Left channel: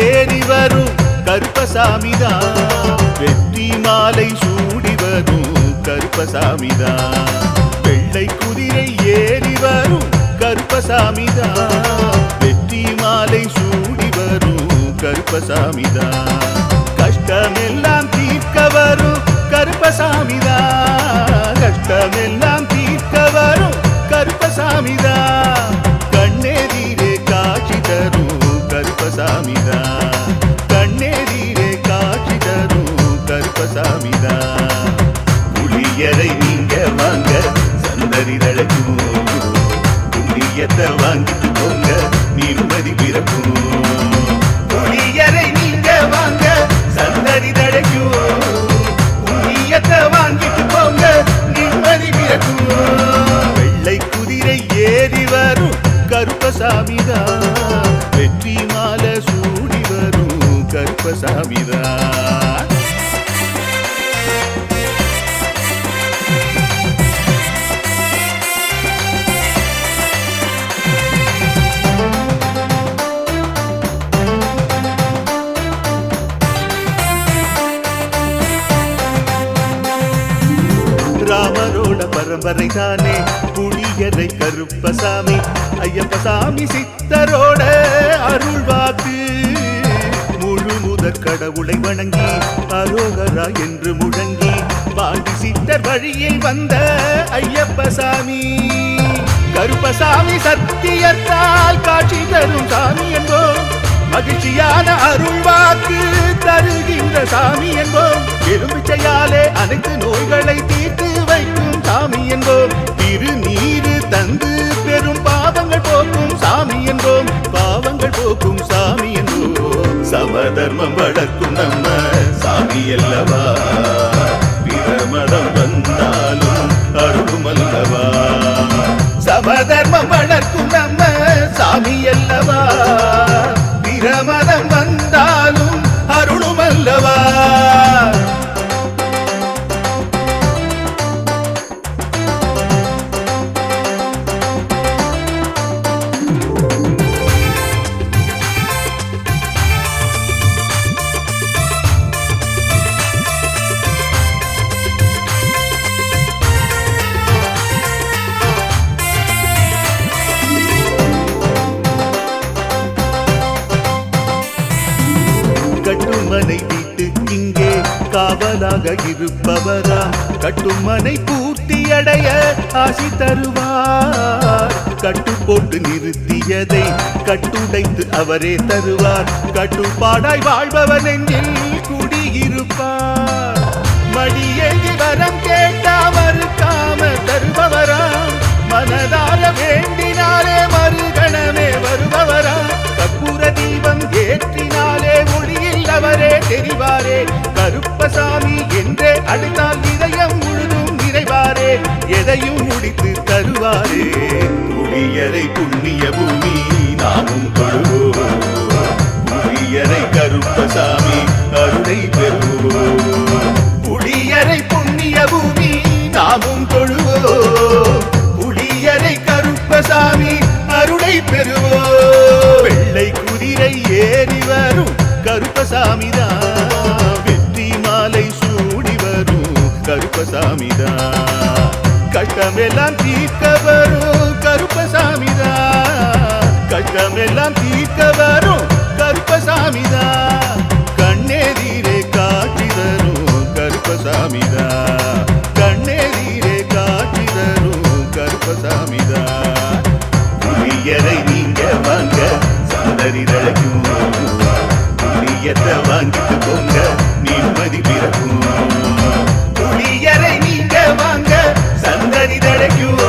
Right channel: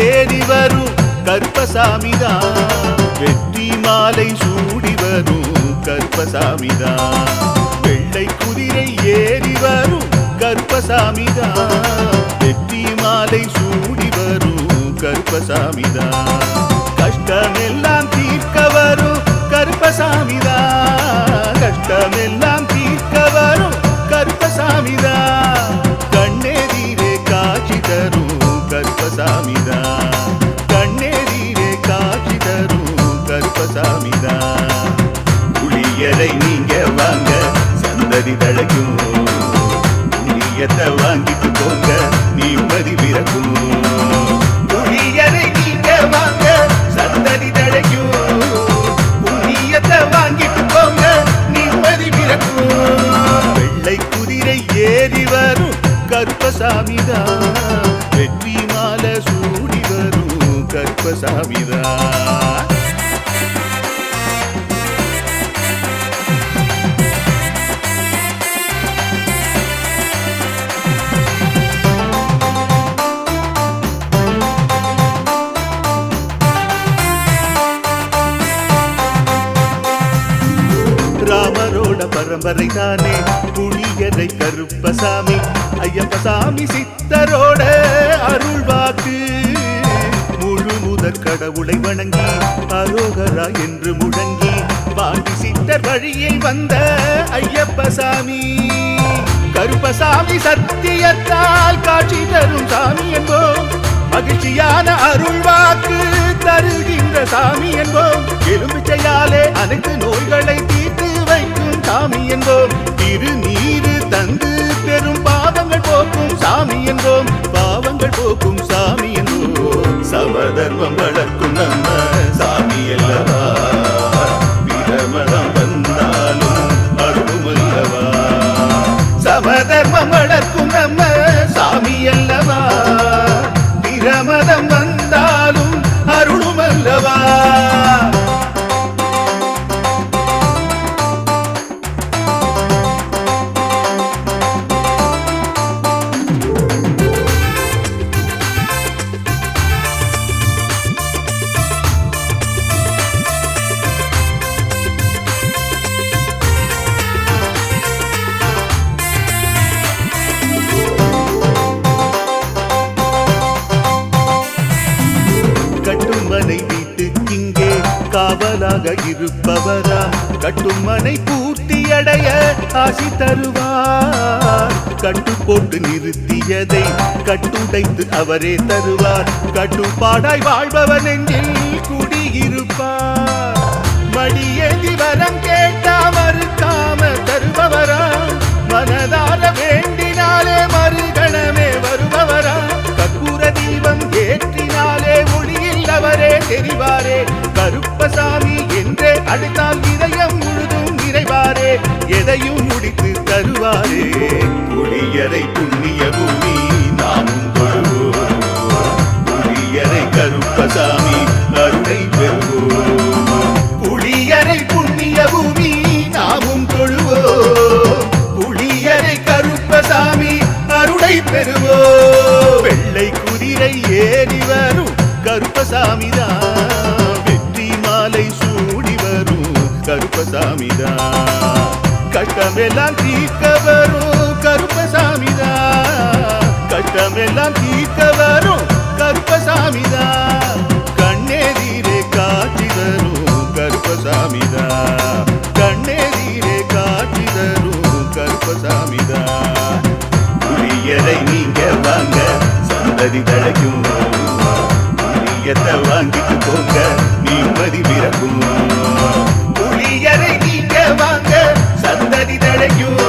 ஏறி வரும் கருப்பசாமிதான், வெற்றி மாலை சூடி வரும் கருப்பசாமிதான். வெள்ளை குதிரை ஏறி வரும் கருப்பசாமிதான், வெற்றி மாலை சூடி வரும் கருப்பசாமிதான். கஷ்டமெல்லாம் தீர்க்க வரும் கருப்பசாமிதான், கஷ்டமெல்லாம் தீர்க்க வரும் கருப்பசாமிதான். கண்ணெதிரே காட்சி தரும் கருப்பசாமிதான், கண்ணெதிரே காட்சி தரும் கருப்பசாமிதான். புளியரை நீங்க வாங்க சந்ததி தழைக்கும், புண்ணியத்தை வாங்கிட்டு போங்க நிம்மதி பிறக்கும். புளியரை நீங்க வாங்க சந்ததி தழைக்கும், புண்ணியத்தை வாங்கிட்டு போங்க நிம்மதி பிறக்கும். வெள்ளை குதிரை ஏறி வரும் கருப்பசாமிதான், வெற்றி மாலை சூடி வரும் கருப்பசாமிதான். ராமரோட பரம்பரை தானே புளியரை கருப்பசாமி, ஐயப்பசாமி சித்தரோட அருள்வாக்கு. முழு முதற் கடவுளை வணங்கி அரோகரா என்று முழங்கி பாண்டி சித்தர் வழியை வந்த ஐயப்பசாமி. கருப்பசாமி சத்தியத்தால் காட்சி தரும் சாமி என்போம், மகிழ்ச்சியான அருள்வாக்கு தருகின்ற சாமி என்போம். எலும்பிச்சையாலே அனைத்து நோய்களை தீர்த்து வைக்கும் சாமி என்போம். திருநீரு தந்து பெரும் பாவங்கள் போக்கும் சாமி என்போம், பாவங்கள் போக்கும் சாமி என்போம். சமதர்மம் வளர்க்கும் நம்ம சாமி அல்லவா, பிரமதம் வந்தாலும் அருளும் அல்லவா. சமதர்மம் வளர்க்கும் நம்ம சாமி அல்லவா, பிரமதம் வந்தாலும் அருளும் அல்லவா. கட்டுமனை வீட்டுக்கிங்கே காவலாக இருப்பவராம், கட்டுமனை பூர்த்தியடைய ஆசி தருவார். கட்டு போட்டு நிறுத்தியதை கட்டுடைத்து அவரே தருவார், கட்டுப்பாடாய் வாழ்பவர் நெஞ்சில் குடியிருப்பார். மடியேந்தி வரம் கேட்டா மறுக்காம தருபவராம், மனதார வேண்டினாலே மறுகணமே வருபவராம். கற்பூர தீபம் ஏற்றினாலே ஒளியில் அவரே தெரிவாரே, கருப்பசாமி என்றே அழைத்தால் இதயம் முழுதும் நிறைவாரே, எதையும் முடித்து தருவாரே. புளியரை புண்ணிய பூமி நாமும் தொழுவோம், புளியரை கருப்பசாமி அருளை பெறுவோம். புளியரை புண்ணிய பூமி நாமும் தொழுவோம், புளியரை கருப்பசாமி அருளை பெறுவோம். வெள்ளை குதிரை ஏறி வரும் கருப்பசாமிதான், வெற்றி மாலை சூடி வரும் கருப்பசாமிதான். கஷ்டமெல்லாம் தீர்க்க வரும் கருப்பசாமிதான், கஷ்டமெல்லாம் தீர்க்க வரும் கருப்பசாமிதான். கண்ணெதிரே காட்சி தரும் கருப்பசாமிதான், கண்ணெதிரே காட்சி தரும் கருப்பசாமிதான். புளியரை நீங்க வாங்க சந்ததி தழைக்கும், புளியத்தை வாங்கிட்டு போங்க நிம்மதி பிறக்கும். புளியரை நீங்க வாங்க சந்ததி தழைக்கும்,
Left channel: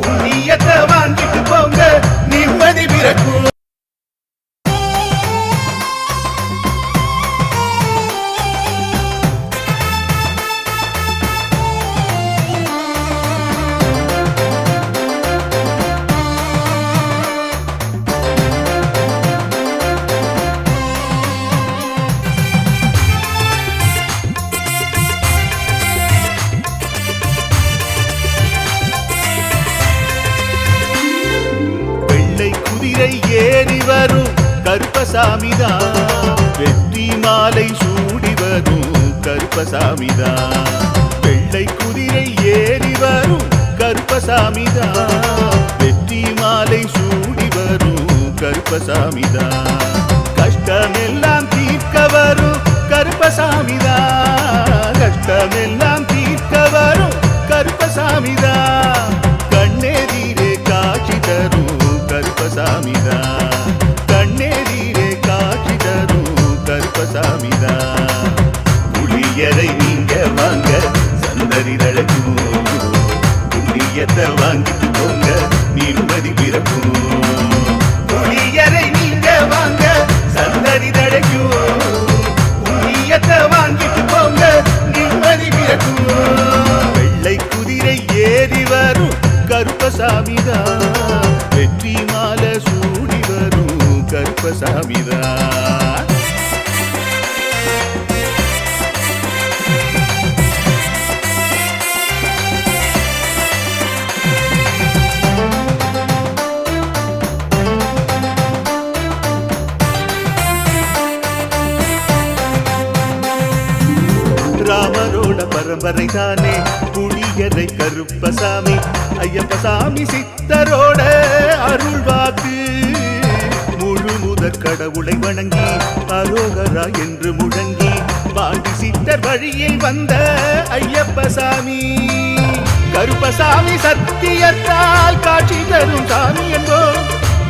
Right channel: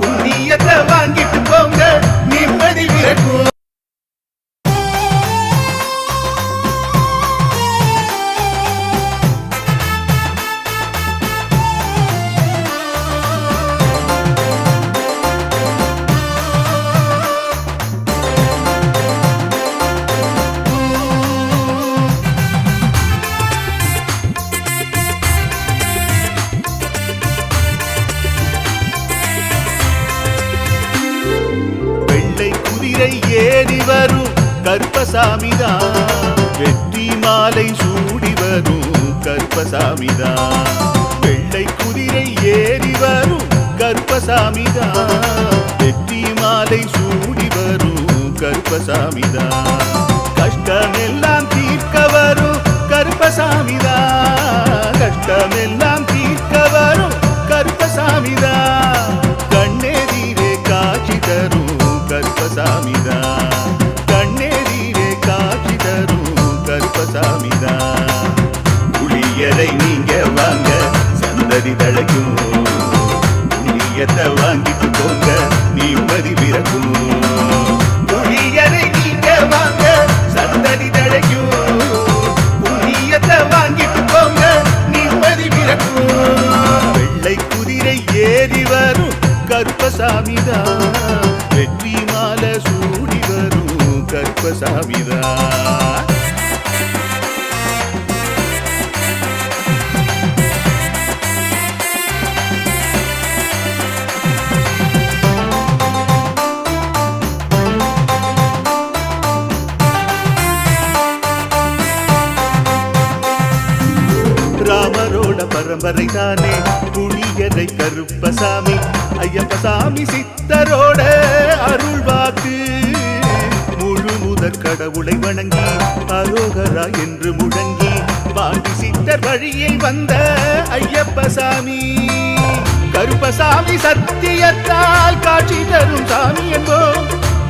புண்ணியத்தை வாங்கிட்டு போங்க நிம்மதி பிறக்கும். கருப்பசாமிதான். வெற்றி மாலை சூடி வரும் கருப்பசாமிதான். வெள்ளை குதிரை ஏறி வரும் கருப்பசாமிதான். வெற்றி மாலை சூடி வரும் கருப்பசாமிதான். கஷ்டமெல்லாம் தீர்க்க வரும் கருப்பசாமிதான். கஷ்டமெல்லாம் தீர்க்க வரும் கருப்பசாமிதான். கண்ணெதிரே காட்சி தரும் கருப்பசாமிதான். கண்ணெதிரே காட்சி தரும் கருப்பசாமிதான். புளியரை நீங்க வாங்க சந்ததி தழைக்கும். புண்ணியத்தை வாங்கிட்டு போங்க நிம்மதி பிறக்கும். புளியரை நீங்க வாங்க சந்ததி தழைக்கும். புண்ணியத்தை வாங்கிட்டு போங்க நிம்மதி பிறக்கும். வெள்ளை குதிரை ஏறி வரும் கருப்பசாமிதான். வெற்றி மாலை சூடி வரும் கருப்பசாமிதான். ராமரோட பரம்பரை தானே புளியரை கருப்பசாமி. ஐயப்பசாமி சித்தரோட அருள்வாக்கு. முழு முதற் கடவுளை வணங்கி அரோகரா என்று முழங்கி பாண்டி சித்தர் வழியில் வந்த ஐயப்பசாமி. கருப்பசாமி சத்தியத்தால் காட்சி தரும் சாமி என்போம்.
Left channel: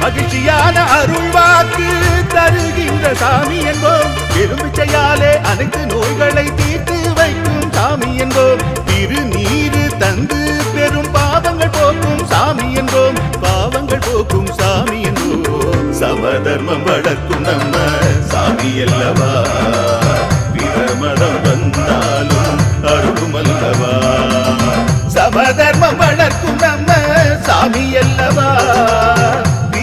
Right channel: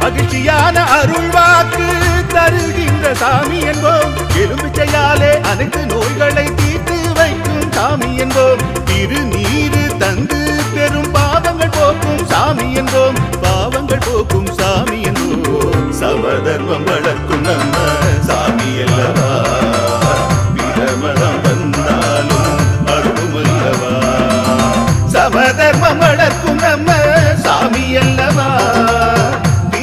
மகிழ்ச்சியான அருள்வாக்கு தருகின்ற சாமி என்போம். எலும்பிச்சையாலே அனைத்து நோய்களை தீர்த்து வைக்கும் சாமி என்போம். திருநீரு தந்து பெரும் பாவங்கள் போக்கும் சாமி என்போம். பாவங்கள் போக்கும் சாமி என்போம். சமதர்மம் வளர்க்கும் நம்ம சாமி அல்லவா. பிரமதம் வந்தாலும் அருளும் அல்லவா. சமதர்மம் வளர்க்கும் நம்ம சாமி அல்லவா.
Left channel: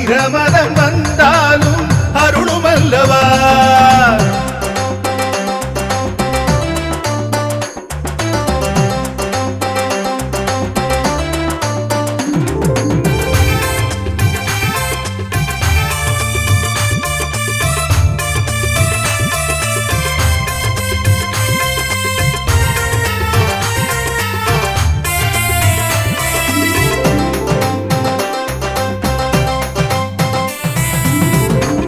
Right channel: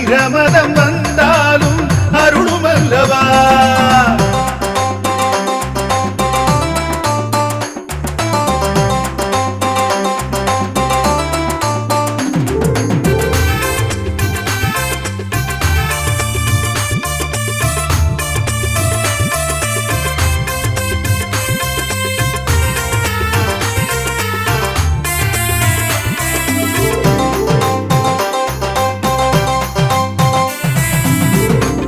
பிரமதம் வந்தாலும் அருளும் அல்லவா.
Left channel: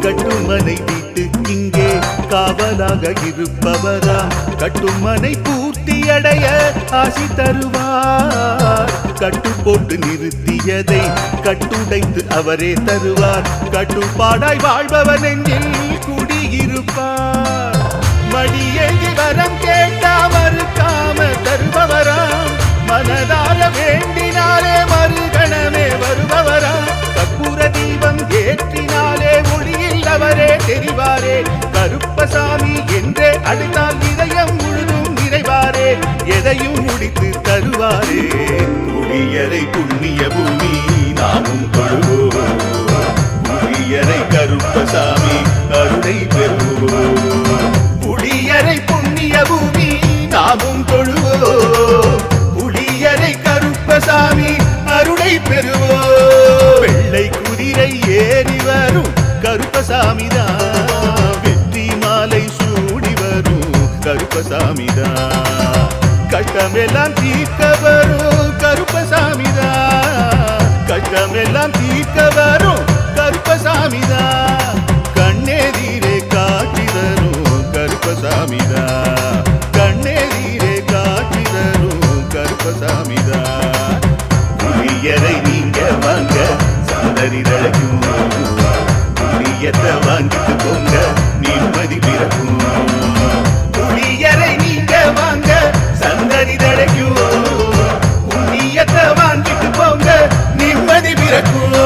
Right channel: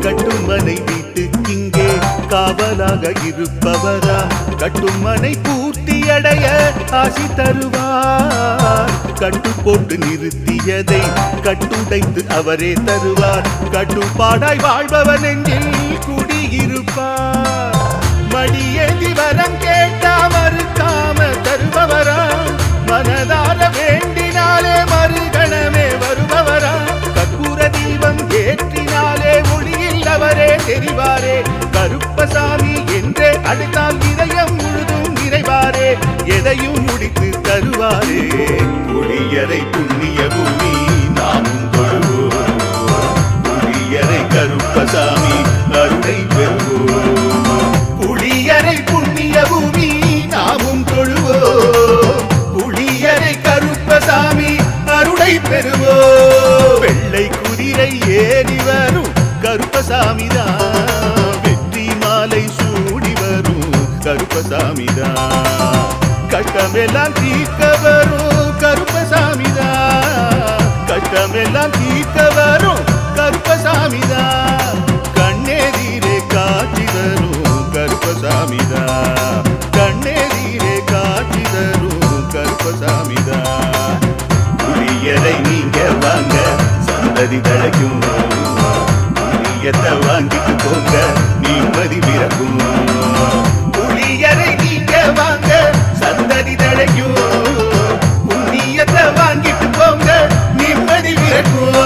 கட்டுமனை வீட்டுக்கிங்கே காவலாக இருப்பவராம். கட்டுமனை பூர்த்தியடைய ஆசி தருவார். கட்டு போட்டு நிறுத்தியதை கட்டுடைத்து அவரே தருவார். கட்டுப்பாடாய் வாழ்பவர் நெஞ்சில் குடியிருப்பார். மடியேந்தி வரம் கேட்டா மறுக்காம தருபவராம். மனதார வேண்டினாலே மறுகணமே வருபவராம். கற்பூர தீபம் ஏற்றினாலே ஒளியில் அவரே தெரிவாரே. கருப்பசாமி என்றே அழைத்தால் இதயம் முழுதும் நிறைவாரே. எதையும் முடித்து தருவாரே. புளியரை புண்ணிய பூமி நாமும் தொழுவோம். புளியரை கருப்பசாமி அருளை பெறுவோம். புளியரை புண்ணிய பூமி நாமும் தொழுவோம். புளியரை கருப்பசாமி அருளை பெறுவோம். வெள்ளை குதிரை ஏறி வரும் கருப்பசாமிதான். வெற்றி மாலை சூடி வரும் கருப்பசாமிதான். கஷ்டமெல்லாம் தீர்க்க வரும் கருப்பசாமிதான். கஷ்டமெல்லாம் தீர்க்க வரும் கருப்பசாமிதான். கண்ணெதிரே காட்சி தரும் கருப்பசாமிதான். கண்ணெதிரே காட்சி தரும் கருப்பசாமிதான். புளியரை நீங்க வாங்க சந்ததி தழைக்கும். புளியத்தை வாங்கிட்டு போங்க நிம்மதி பிறக்கும். புளியரை நீங்க வாங்க சந்ததி தழைக்கும். புண்ணியத்தை வாங்கிட்டு போங்க நிம்மதி பிறக்கும்.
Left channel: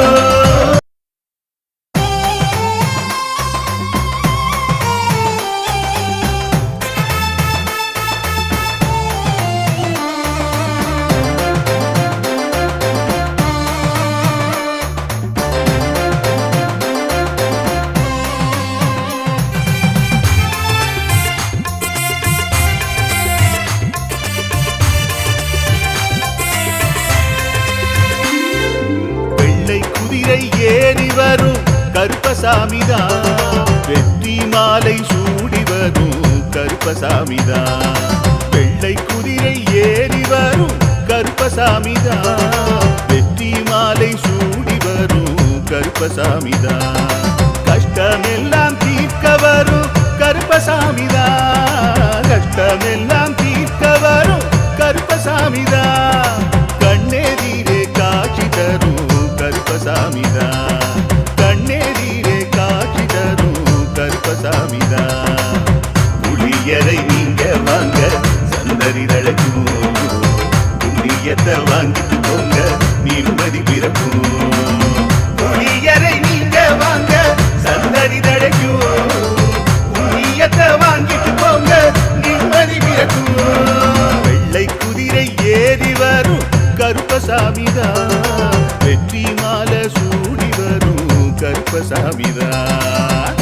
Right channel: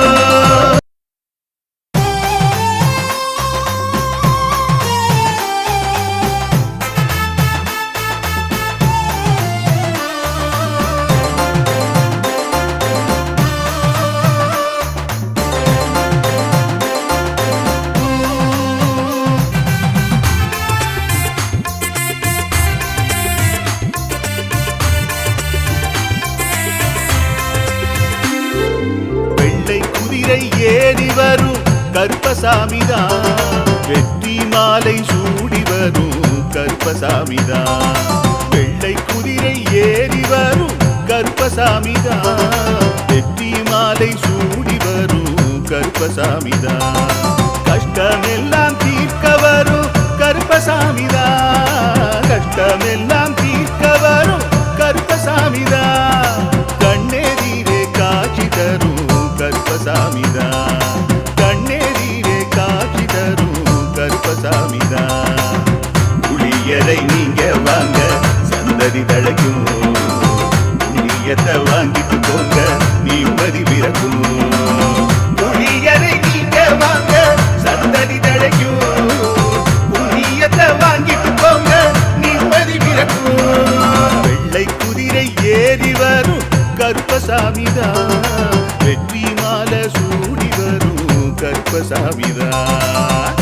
குதிரை ஏறி வரும் கருப்பசாமிதான். வெற்றி மாலை சூடி வரும் கருப்பசாமிதான். வெள்ளை குதிரை ஏறி வரும் கருப்பசாமிதான். வெற்றி மாலை சூடி வரும் கருப்பசாமிதான். கஷ்டமெல்லாம் தீர்க்க வரும் கருப்பசாமிதான். கஷ்டமெல்லாம் தீர்க்க வரும் கருப்பசாமிதான். கண்ணெதிரே காட்சி தரும் கருப்பசாமிதான். கண்ணெதிரே காட்சி தரும் கருப்பசாமிதான். புளியரை நீங்க வாங்க சந்ததி தழைக்கும். புண்ணியத்தை வாங்கிட்டு போங்க நிம்மதி பிறக்கும். புளியரை நீங்க வாங்க சந்ததி தழைக்கும். புண்ணியத்தை வாங்கிட்டு போங்க நிம்மதி பிறக்கும். வெள்ளை குதிரை ஏறி வரும் கருப்பசாமிதான். வெற்றி மாலை சூடி வரும் கருப்பசாமிதான்.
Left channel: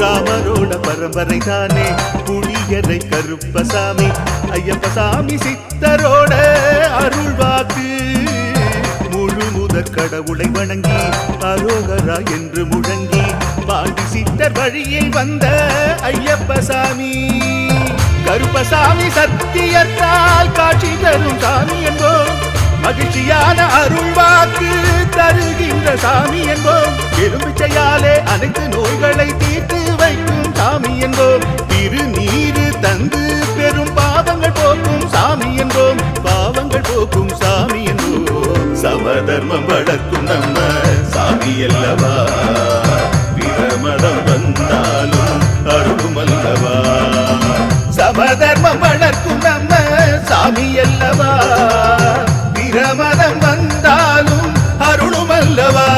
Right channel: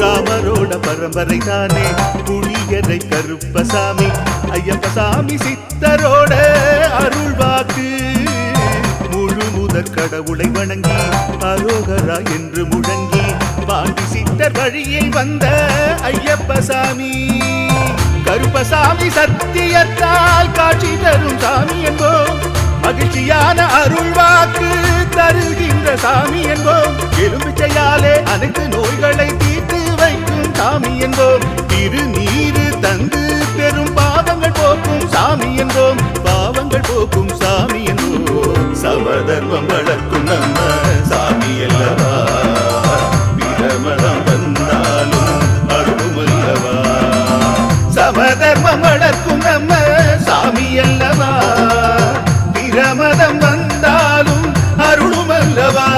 ராமரோட பரம்பரை தானே புளியரை கருப்பசாமி. ஐயப்பசாமி சித்தரோட அருள்வாக்கு. முழு முதற் கடவுளை வணங்கி அரோகரா என்று முழங்கி பாண்டி சித்தர் வழியில் வந்த ஐயப்பசாமி. கருப்பசாமி சத்தியத்தால் காட்சி தரும் சாமி என்போம். மகிழ்ச்சியான அருள்வாக்கு தருகின்ற சாமி என்போம். எலும்பிச்சையாலே அனைத்து நோய்களை தீர்த்து வைக்கும் சாமி என்போம். திருநீரு தந்து பெரும் பாவங்கள் போக்கும் சாமி என்போம். பாவங்கள் போக்கும் சாமி என்போம். சமதர்மம் வளர்க்கும் நம்ம சாமி அல்லவா. பிரமதம் வந்தாலும் அருளும் அல்லவா. சமதர்மம் வளர்க்கும் நம்ம சாமி அல்லவா. பிரமதம் வந்தாலும் அருளும் அல்லவா.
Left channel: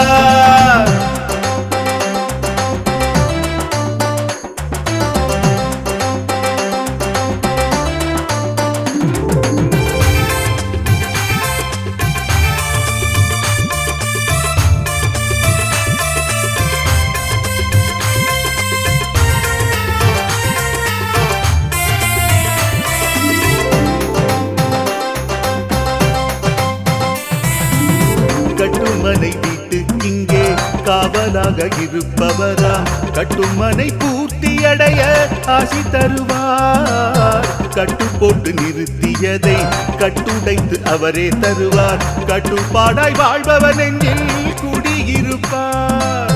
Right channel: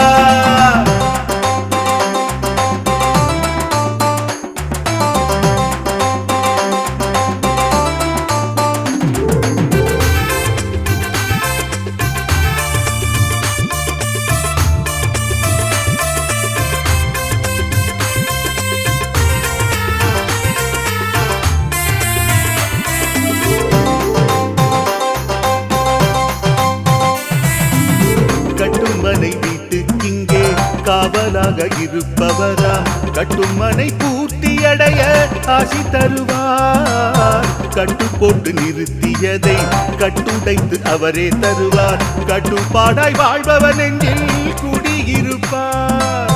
கட்டுமனை வீட்டுக்கிங்கே காவலாக இருப்பவராம். கட்டுமனை பூர்த்தியடைய ஆசி தருவார். கட்டு போட்டு நிறுத்தியதை கட்டுடைத்து அவரே தருவார். கட்டுப்பாடாய் வாழ்பவர் நெஞ்சில் குடியிருப்பார்.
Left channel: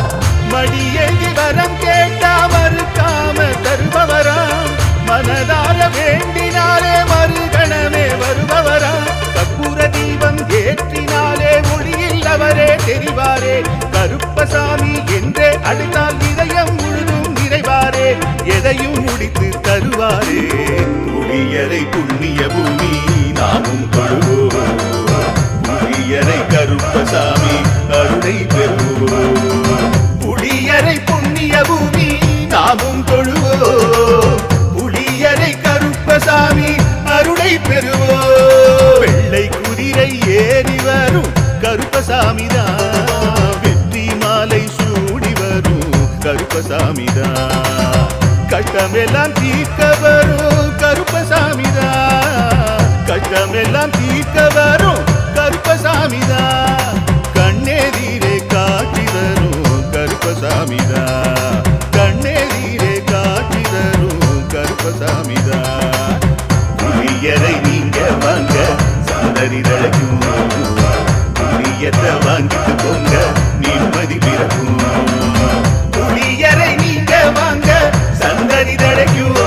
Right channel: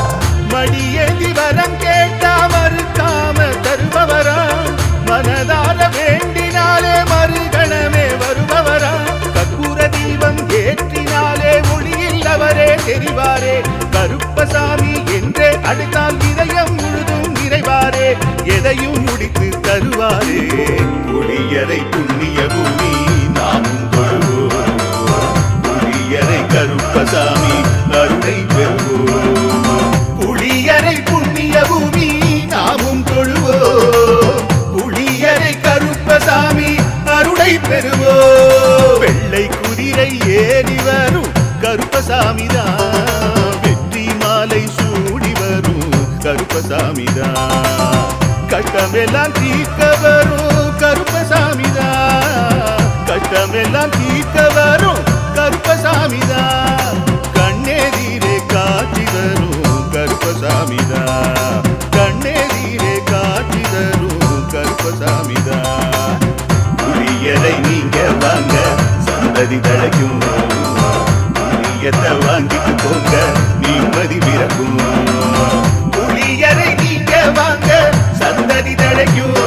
மடியேந்தி வரம் கேட்டா மறுக்காம தருபவராம். மனதார வேண்டினாலே மறுகணமே வருபவராம். கற்பூர தீபம் ஏற்றினாலே ஒளியில் அவரே தெரிவாரே. கருப்பசாமி என்றே அழைத்தால் இதயம் முழுதும் நிறைவாரே. எதையும் முடித்து தருவாரே. புளியரை புண்ணிய பூமி நாமும் கொள்வோம். புளியரை கருப்பசாமி அருளை பெறுவோம். புளியரை புண்ணிய பூமி நாமும் தொழுவோம். புளியரை கருப்பசாமி அருளை பெறுவோம். வெள்ளை குதிரை ஏறி வரும் கருப்பசாமிதான். வெற்றி மாலை சூடி வரும் கருப்பசாமிதான். கஷ்டமெல்லாம் தீர்க்க வரும் கருப்பசாமிதான். கஷ்டமெல்லாம் தீர்க்க வரும் கருப்பசாமிதான். கண்ணெதிரே காட்சி தரும் கருப்பசாமிதான். கண்ணெதிரே காட்சி தரும் கருப்பசாமிதான். புளியரை நீங்க வாங்க சந்ததி தழைக்கும். புளியத்தை வாங்கிட்டு போங்க நிம்மதி பிறக்கும். புளியரை நீங்க வாங்க சந்ததி தழைக்கும்.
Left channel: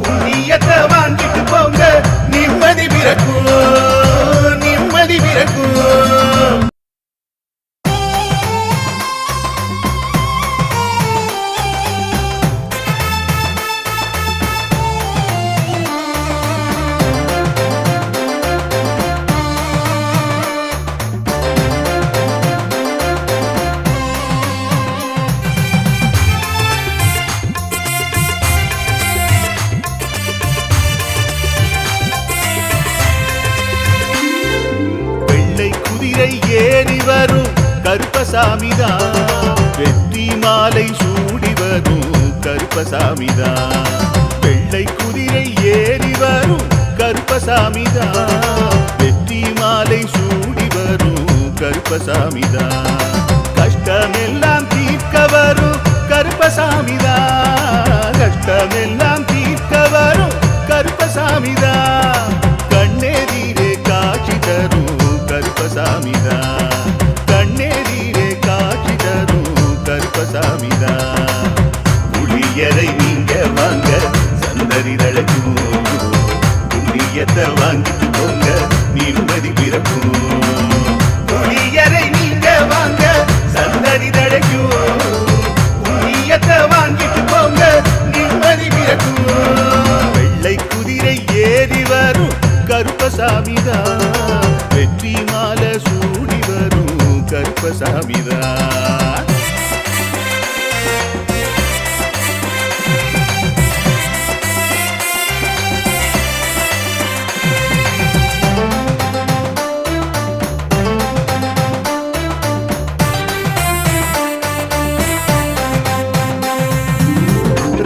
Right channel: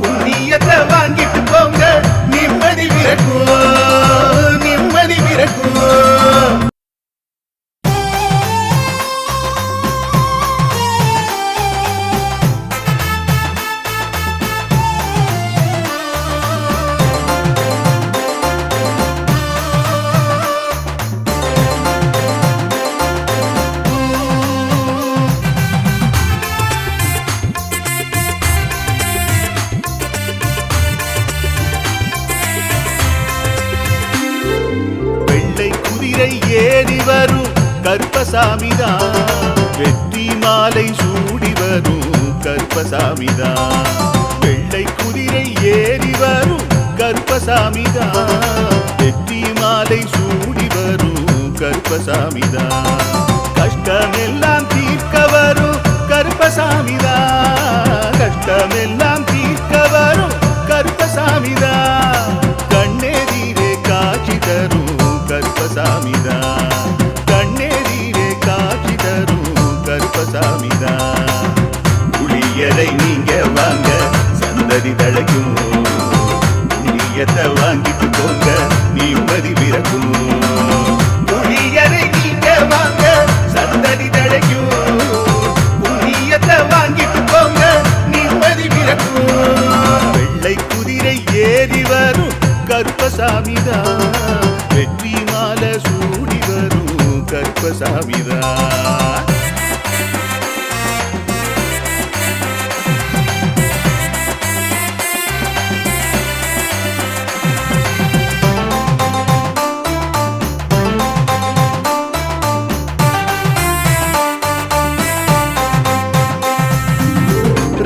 புண்ணியத்தை வாங்கிட்டு போங்க நிம்மதி பிறக்கும். நிம்மதி பிறக்கும். குதிரை ஏறி வரும் கருப்பசாமிதான், வெற்றி மாலை சூடி வரும் கருப்பசாமிதான். வெள்ளை குதிரை ஏறி வரும் கருப்பசாமிதான், வெற்றி மாலை சூடி வரும் கருப்பசாமிதான். கஷ்டமெல்லாம் தீர்க்க வரும் கருப்பசாமிதான், கஷ்டமெல்லாம் தீர்க்க வரும் கருப்பசாமிதான். கண்ணெதிரே காட்சி தரும் கருப்பசாமிதான், கண்ணெதிரே காட்சி தரும் கருப்பசாமிதான். புளியரை நீங்க வாங்க சந்ததி தழைக்கும், புண்ணியத்தை வாங்கிட்டு போங்க நிம்மதி பிறக்கும். புளியரை நீங்க வாங்க சந்ததி தழைக்கும், புண்ணியத்தை வாங்கிட்டு போங்க நிம்மதி பிறக்கும். வெள்ளை குதிரை ஏறி வரும் கருப்பசாமிதான், வெற்றி மாலை சூடி வரும் கருப்பசாமிதான்.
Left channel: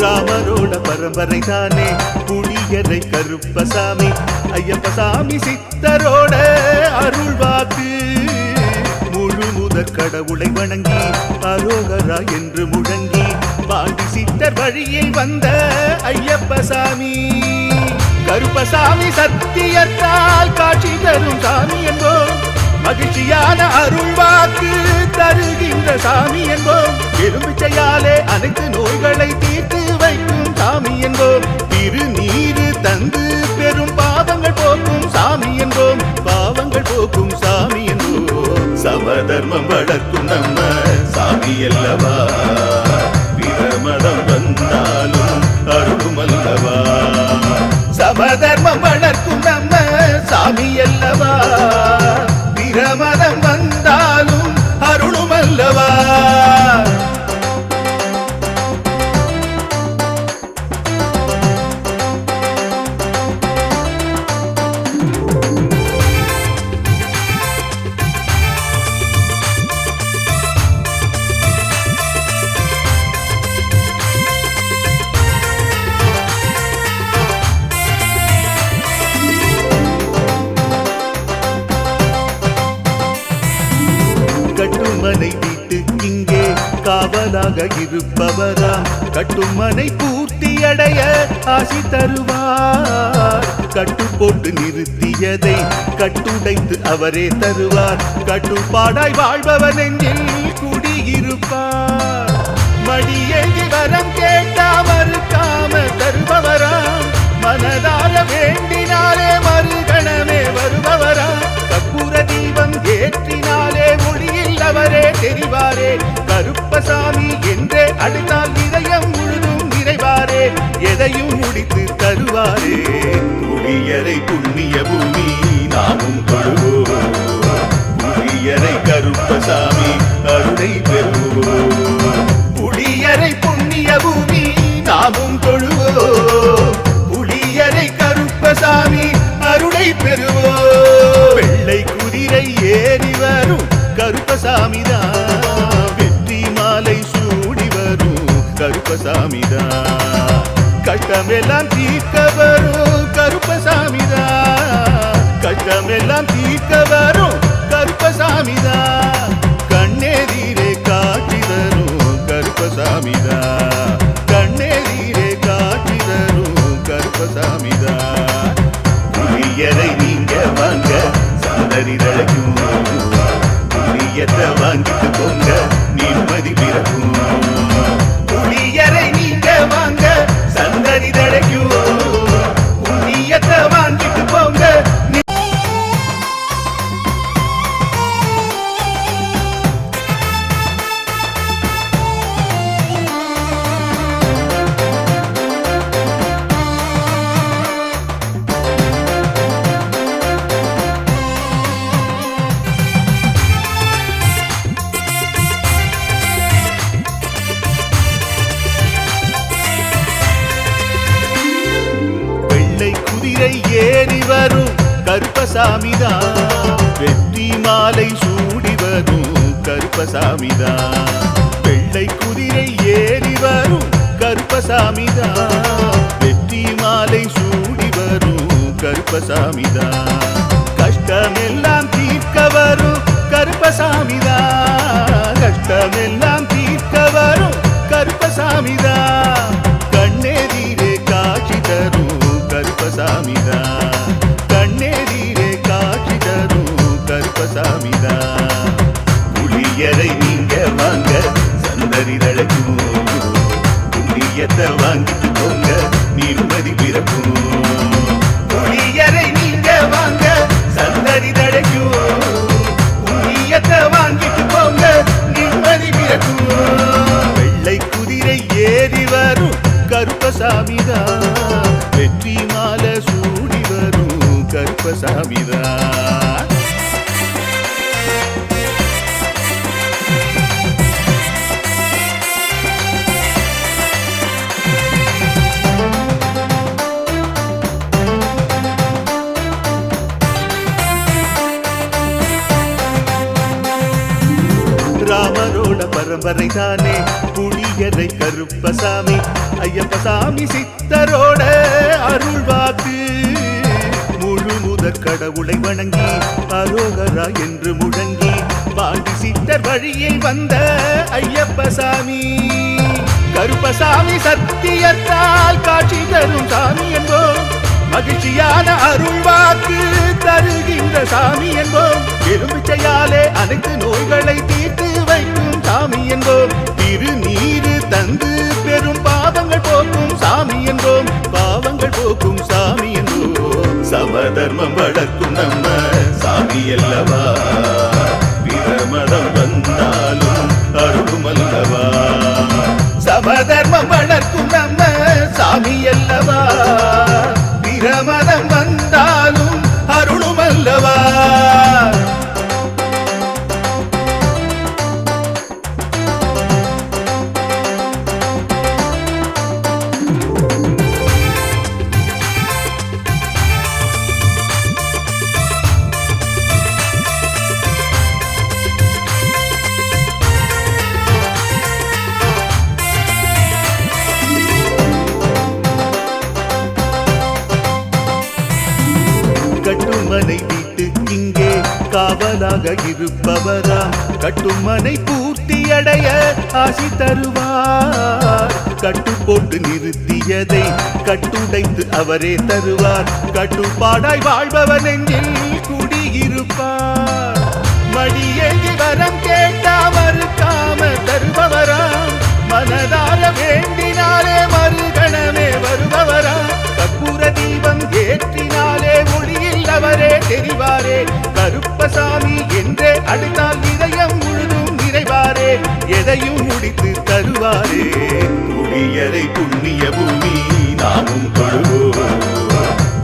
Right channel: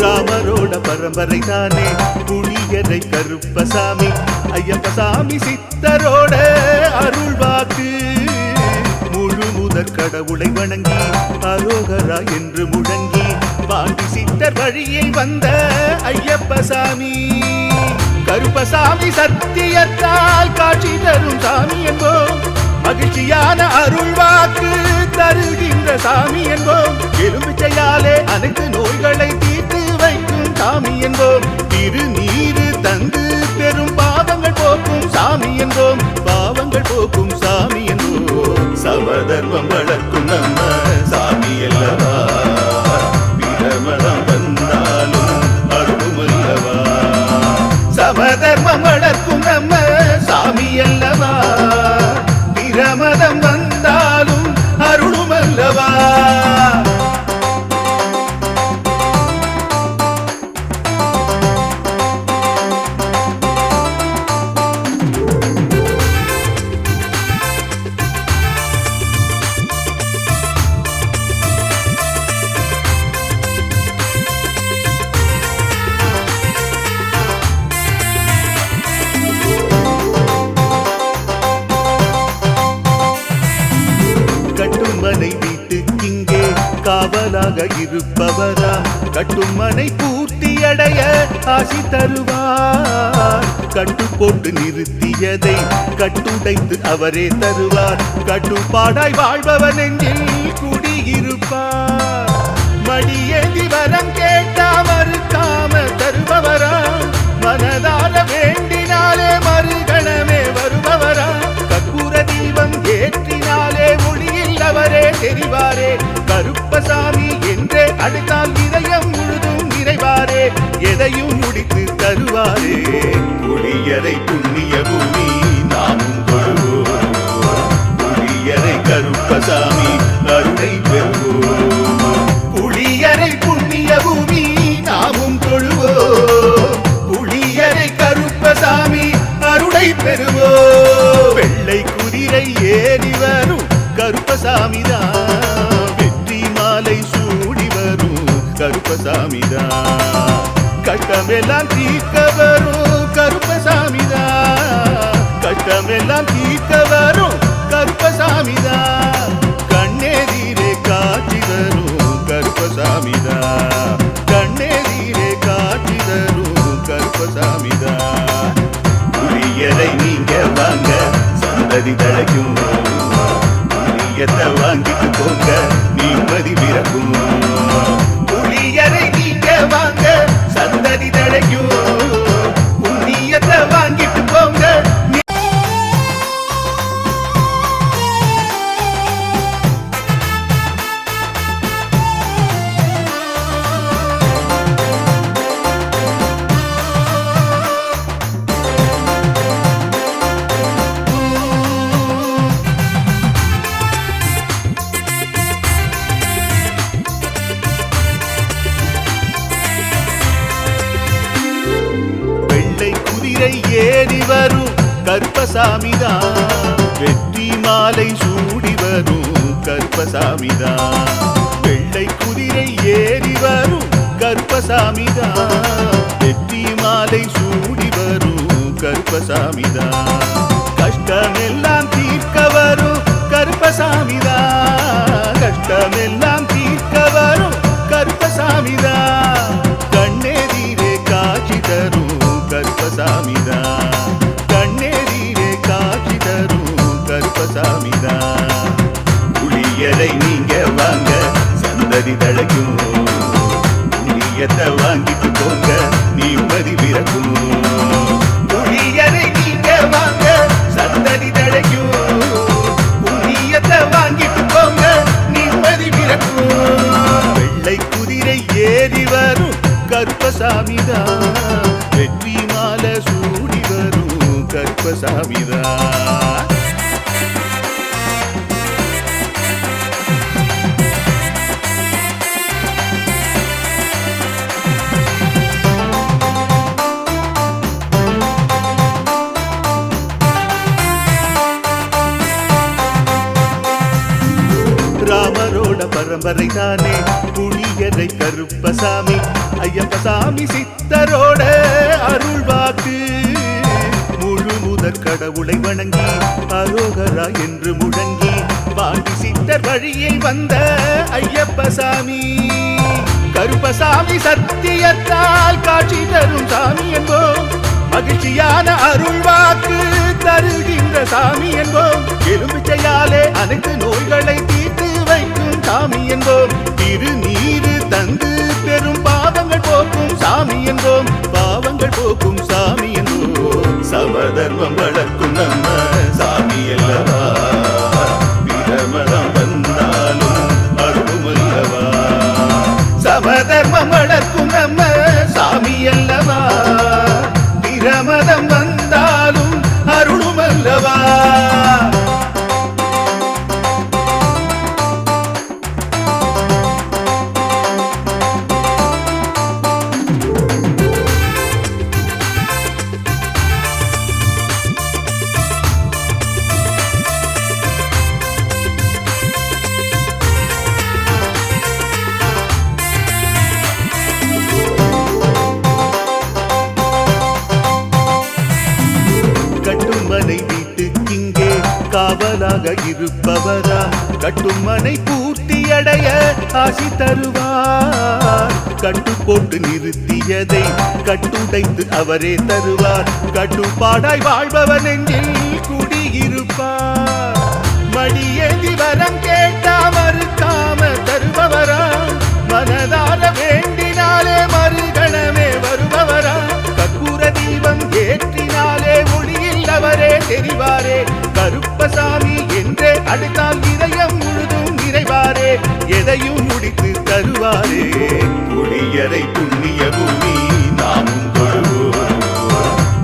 ராமரோட பரம்பரை தானே புளியரை கருப்பசாமி, ஐயப்பசாமி சித்தரோட அருள் வாக்கு. முழு முதற் கடவுளை வணங்கி அரோகரா என்று முழங்கி பாண்டி சித்தர் வழியில் வந்த ஐயப்பசாமி. கருப்பசாமி சத்தியத்தால் காட்சி தரும் சாமி என்போம், மகிழ்ச்சியான அருள் வாக்கு தருகின்ற சாமி என்போம். எலும்பிச்சையாலே அனைத்து நோய்களை தீர்த்து வைக்கும் சாமி என்போம். திருநீரு தந்து பெரும் பாவங்கள் போக்கும் சாமி என்போம், பாவங்கள் போக்கும் சாமி என்போம். சமதர்மம் வளர்க்கும் நம்ம சாமி அல்லவா, பிரமதம் வந்தாலும் அருளும் அல்லவா. சமதர்மம் வளர்க்கும் நம்ம சாமி அல்லவா, பிரமதம் வந்தாலும் அருளும் அல்லவா. கட்டுமனை வீட்டுக்கிங்கே காவலாக இருப்பவராம், கட்டுமனை பூர்த்தியடைய ஆசி தருவார். கட்டு போட்டு நிறுத்தியதை கட்டுடைத்து அவரே தருவார், கட்டுப்பாடாய் வாழ்பவன் நெஞ்சில் குடியிருப்பார். மடியேந்தி வரம் கேட்டா மறுக்காம தருபவராம், மனதார வேண்டினாலே மறுகணமே வருபவராம். கற்பூர தீபம் ஏற்றினாலே ஒளியில் அவரே தெரிவாரே, கருப்பசாமி என்றே அழைத்தால் இதயம் முழுதும் நிறைவாரே, எதையும் முடித்து தருவாரே. புளியரை புண்ணிய பூமி நாமும் தொழுவோம், புளியரை கருப்பசாமி அருளை பெறுவோம். புளியரை புண்ணிய பூமி நாமும் தொழுவோம், புளியரை கருப்பசாமி அருளை பெறுவோம். வெள்ளை குதிரை ஏறி வரும் கருப்பசாமிதான், வெற்றி மாலை சூடி வரும் கருப்பசாமிதான். கஷ்டமெல்லாம் தீர்க்க வரும் கருப்பசாமிதான், கஷ்டமெல்லாம் தீர்க்க வரும் கருப்பசாமிதான். கண்ணெதிரே காட்சி தரும் கருப்பசாமிதான், கண்ணெதிரே காட்சி தரும் கருப்பசாமிதான். புளியரை நீங்க வாங்க சந்ததி தழைக்கும், புளியத்தை வாங்கிட்டு போங்க நிம்மதி பிறக்கும். புளியரை நீங்க வாங்க சந்ததி தழைக்கும், புண்ணியத்தை வாங்கிட்டு போங்க. குதிரை ஏறி வரும் கருப்பசாமிதான், வெற்றி மாலை சூடி வரும் கருப்பசாமிதான். வெள்ளை குதிரை ஏறி வரும் கருப்பசாமிதான். வெற்றி மாலை சூடி வரும் கருப்பசாமிதான். கஷ்டமெல்லாம் தீர்க்க வரும் கருப்பசாமிதான். கஷ்டமெல்லாம் தீர்க்க வரும் கருப்பசாமிதான். கண்ணெதிரே காட்சி தரும் கருப்பசாமிதான். கண்ணெதிரே காட்சி தரும் கருப்பசாமிதான். புளியரை நீங்க வாங்க சந்ததி தழைக்கும். புண்ணியத்தை வாங்கிட்டு போங்க நிம்மதி பிறக்கும். புளியரை நீங்க வாங்க சந்ததி தழைக்கும். புண்ணியத்தை வாங்கிட்டு போங்க நிம்மதி பிறக்கும். வெள்ளை குதிரை ஏறி வரும் கருப்பசாமிதான். வெற்றி மாலை சூடி வரும் கருப்பசாமிதான். ராமரோட பரம்பரை தானே புளியரை கருப்பசாமி. ஐயப்பசாமி சித்தரோட அருள்வாக்கு. முழு முதற் கடவுளை வணங்கி அரோகரா என்று முழங்கி பாண்டி சித்தர் வழியை வந்த ஐயப்பசாமி. கருப்பசாமி சத்தியத்தால் காட்சி தரும் சாமி என்போம். மகிழ்ச்சியான அருள்வாக்கு தருகின்ற சாமி என்போம். எலும்பிச்சையாலே அனைத்து நோய்களை தீர்த்து வைக்கும் சாமி என்போம். திருநீரு தந்து பெரும் பாவங்கள் போக்கும் சாமி என்போம். பாவங்கள் போக்கும் சாமி என்போம். சமதர்மம் வளர்க்கும் நம்ம சாமி அல்லவா. பிரமதம் வந்தாலும் அருளும் அல்லவா. சமதர்மம் வளர்க்கும் நம்ம சாமி அல்லவா. பிரமதம் வந்தாலும் அருளும் அல்லவா. கட்டுமனை வீட்டுக்கிங்கே காவலாக இருப்பவராம். கட்டுமனை பூர்த்தியடைய ஆசி தருவார். கட்டு போட்டு நிறுத்தியதை கட்டுடைத்து அவரே தருவார். கட்டுப்பாடாய் வாழ்பவர் நெஞ்சில் குடியிருப்பார். மடியேந்தி வரம் கேட்டா மறுக்காம தருபவராம். மனதார வேண்டினாலே மறுகணமே வருபவராம். கற்பூர தீபம் ஏற்றினாலே ஒளியில் அவரே தெரிவாரே. கருப்பசாமி என்றே அழைத்தால் இதயம் முழுதும் நிறைவாரே. எதையும் முடித்து தருவாரே. புளியரை புண்ணிய பூமி நாமும் தொழுவோம்.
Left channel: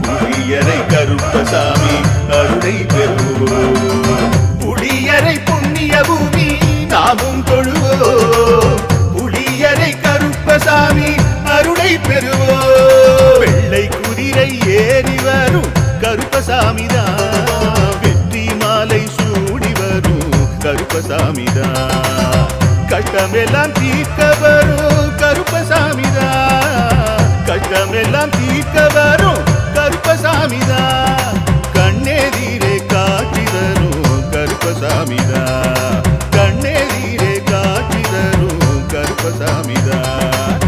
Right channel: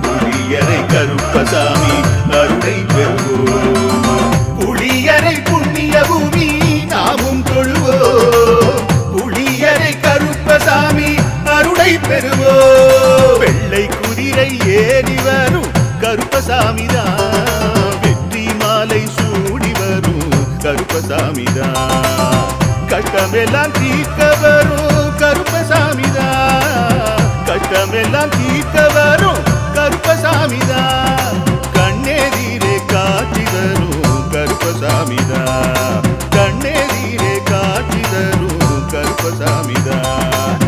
புளியரை கருப்பசாமி அருளை பெறுவோம். புளியரை புண்ணிய பூமி நாமும் தொழுவோம். புளியரை கருப்பசாமி அருளை பெறுவோம். வெள்ளை குதிரை ஏறி வரும் கருப்பசாமிதான். வெற்றி மாலை சூடி வரும் கருப்பசாமிதான். கஷ்டமெல்லாம் தீர்க்க வரும் கருப்பசாமிதான். கஷ்டமெல்லாம் தீர்க்க வரும் கருப்பசாமிதான். கண்ணெதிரே காட்சி தரும் கருப்பசாமிதான். கண்ணெதிரே காட்சி தரும் கருப்பசாமிதான்.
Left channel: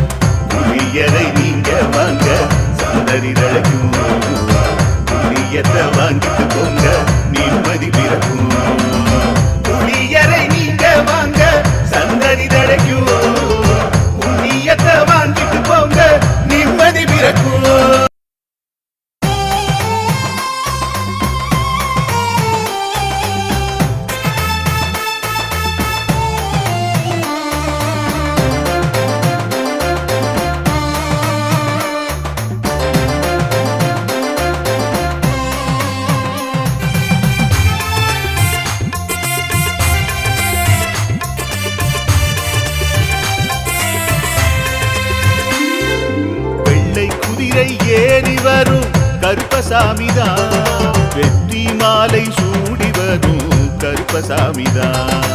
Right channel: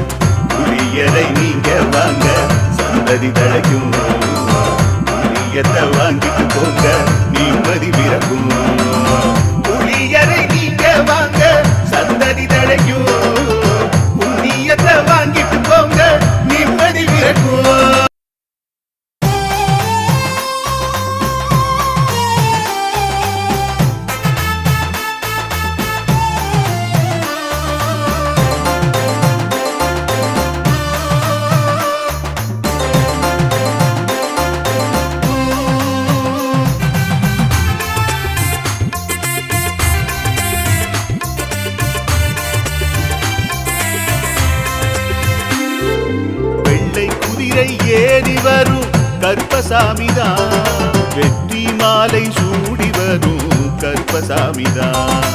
புளியரை நீங்க வாங்க சந்ததி தழைக்கும். புளியத்தை வாங்கிட்டு போங்க நிம்மதி பிறக்கும். புளியரை நீங்க வாங்க சந்ததி தழைக்கும். புண்ணியத்தை வாங்கிட்டு போங்க நிம்மதி பிறக்கும். குதிரை ஏறி வரும் கருப்பசாமிதான். வெற்றி மாலை சூடி வரும் கருப்பசாமிதான்.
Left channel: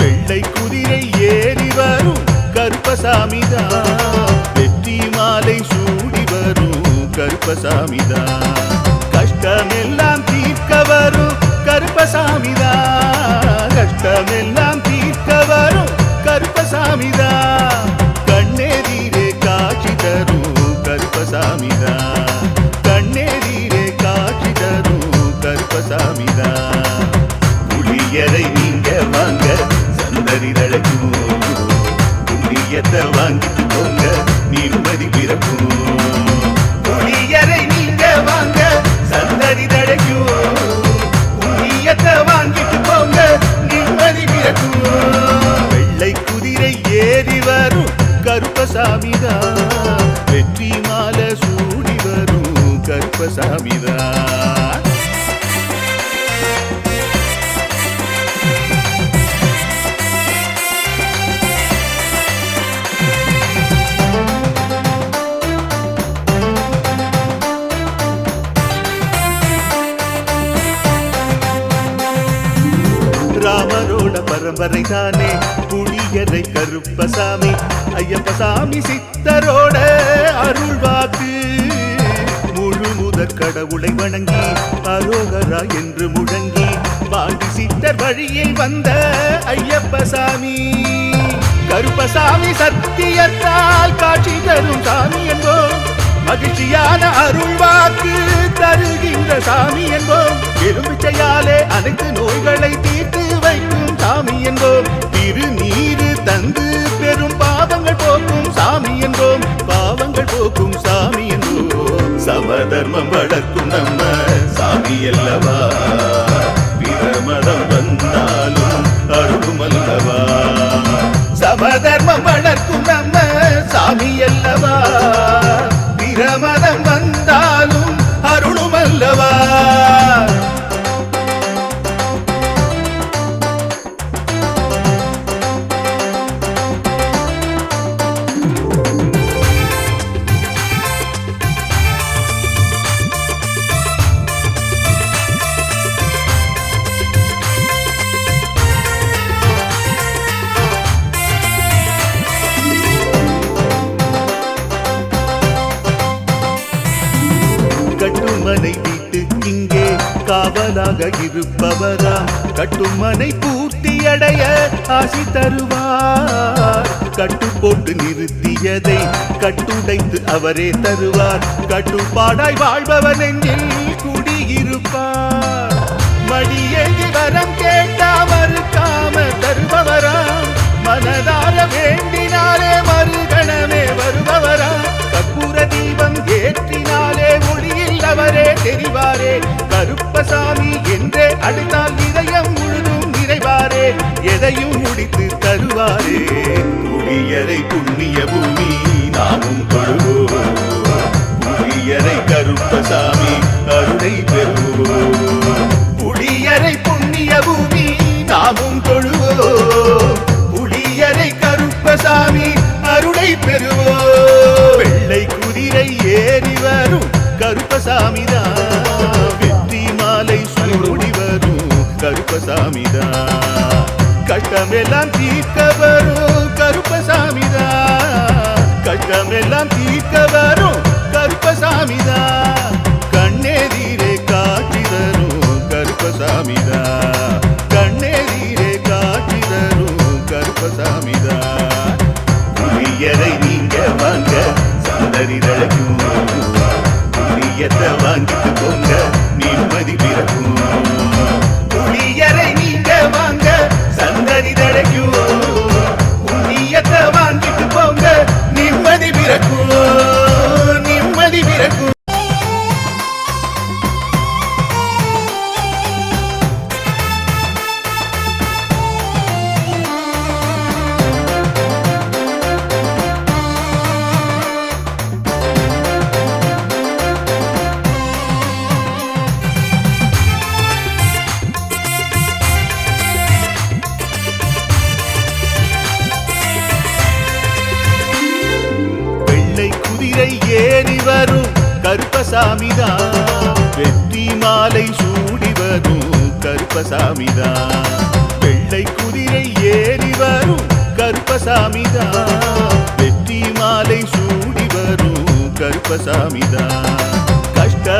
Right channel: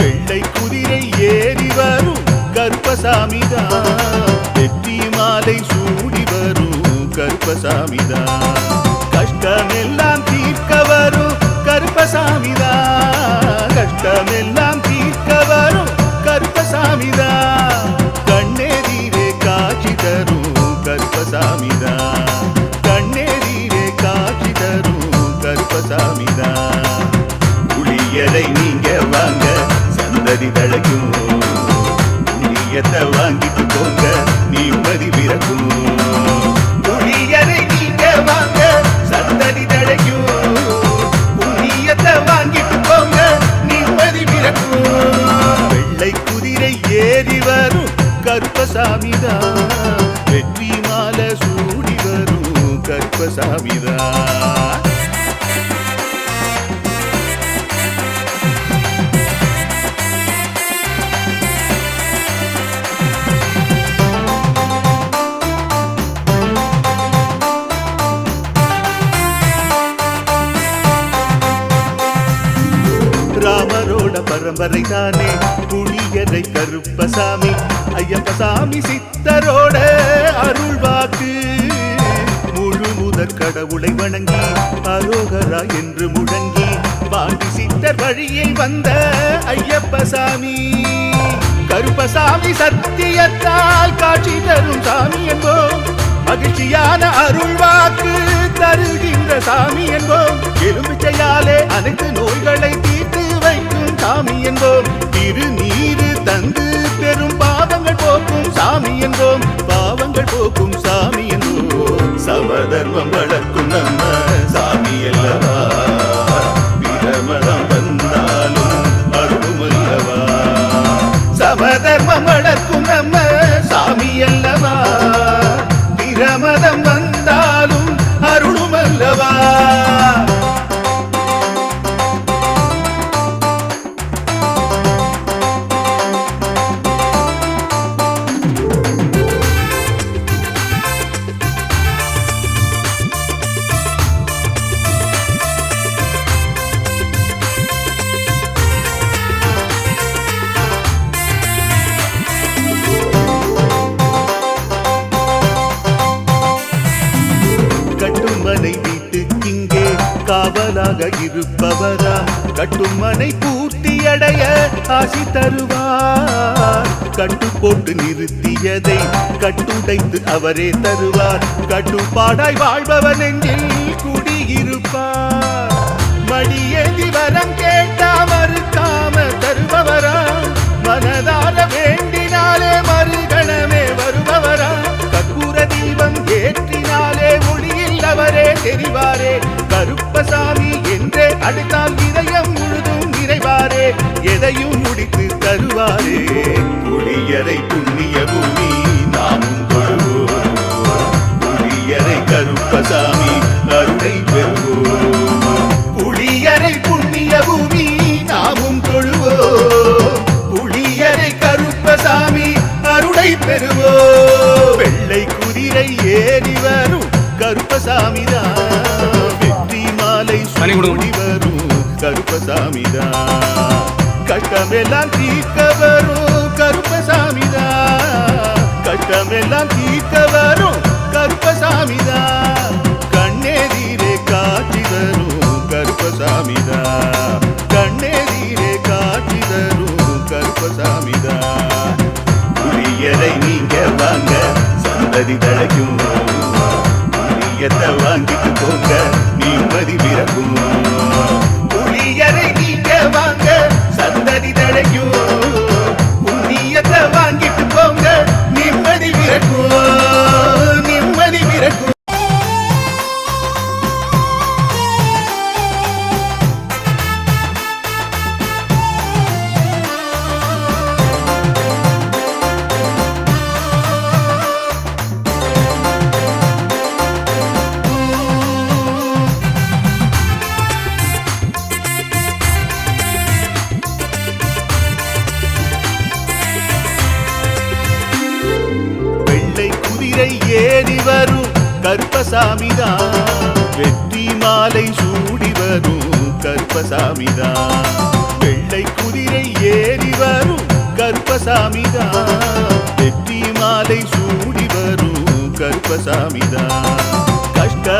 வெள்ளை குதிரை ஏறி வரும் கருப்பசாமிதான். வெற்றி மாலை சூடி வரும் கருப்பசாமிதான். கஷ்டமெல்லாம் தீர்க்க வரும் கருப்பசாமிதான். கஷ்டமெல்லாம் தீர்க்க வரும் கருப்பசாமிதான். கண்ணெதிரே காட்சி தரும் கருப்பசாமிதான். கண்ணெதிரே காட்சி தரும் கருப்பசாமிதான். புளியரை நீங்க வாங்க சந்தடி தழைக்கும். புண்ணியத்தை வாங்கிட்டு போங்க நிம்மதி பிறக்கும். புளியரை நீங்க வாங்க சந்தடி தழைக்கும். புண்ணியத்தை வாங்கிட்டு போங்க நிம்மதி பிறக்கும். வெள்ளை குதிரை ஏறி வரும் கருப்பசாமிதான். வெற்றி மாலை சூடி வரும் கருப்பசாமிதான். ராமரோட பரம்பரை தானே புளியரை கருப்பசாமி. ஐயப்பசாமி சித்தரோட அருள்வாக்கு. முழு முதற் கடவுளை வணங்கி அரோகரா என்று முழங்கி பாண்டி சித்தர் வழியில் வந்த ஐயப்பசாமி. கருப்பசாமி சத்தியத்தால் காட்சி தரும் சாமி என்போம். மகிழ்ச்சியான அருள்வாக்கு தருகின்ற சாமி என்போம். எலும்பிச்சையாலே அனைத்து நோய்களை தீர்த்து வைக்கும் சாமி என்போம். திருநீரு தந்து பெரும் பாவங்கள் போக்கும் சாமி என்போம். பாவங்கள் போக்கும் சாமி என்போம். சமதர்மம் வளர்க்கும் நம்ம சாமி அல்லவா. பிரமதம் வந்தாலும் அருளும் அல்லவா. சமதர்மம் வளர்க்கும் நம்ம சாமி அல்லவா. பிரமதம் வந்தாலும் அருளும் அல்லவா. கட்டுமனை வீட்டுக்கிங்கே காவலாக இருப்பவராம். கட்டுமனை பூர்த்தியடைய ஆசி தருவார். கட்டு போட்டு நிறுத்தியதை கட்டுடைத்து அவரே தருவார். கட்டுப்பாடாய் வாழ்பவர் நெஞ்சில் குடியிருப்பார். மடியேந்தி வரம் கேட்டா மறுக்காம தருபவராம். மனதார வேண்டினாலே மறுகணமே வருபவராம். கற்பூர தீபம் ஏற்றினாலே ஒளியில் அவரே தெரிவாரே. கருப்பசாமி என்றே அழைத்தால் இதயம் முழுதும் நிறைவாரே. எதையும் முடித்து தருவாரே. புளியரை புண்ணிய பூமி நாமும் தொழுவோம். புளியரை கருப்பசாமி அருளை பெறுவோம். புளியரை புண்ணிய பூமி நாமும் தொழுவோம். புளியரை கருப்பசாமி அருளை பெறுவோம். வெள்ளை குதிரை ஏறி வரும் கருப்பசாமிதான். வெற்றி மாலை சூடி வரும் கருப்பசாமிதான். கஷ்டமெல்லாம் தீர்க்க வரும் கருப்பசாமிதான். கஷ்டமெல்லாம் தீர்க்க வரும் கருப்பசாமிதான். கண்ணெதிரே காட்சி தரும் கருப்பசாமிதான். கண்ணெதிரே காட்சி தரும் கருப்பசாமிதான். புளியரை நீங்க வாங்க சந்தடி தழைக்கும். புளியத்தை வாங்கிட்டு போங்க நிம்மதி பிறக்கும். புளியரை நீங்க வாங்க சந்தடி தழைக்கும். புண்ணியத்தை வாங்கிட்டு போங்க நிம்மதி பிறக்கும். நிம்மதி பிறக்கும். ஏறி வரும் கருப்பசாமிதான். வெற்றி மாலை சூடி வரும் கருப்பசாமிதான் வெள்ளை குதிரை ஏறி வரும் கருப்பசாமிதான் வெற்றி மாலை சூடி வரும் கருப்பசாமிதான் கஷ்ட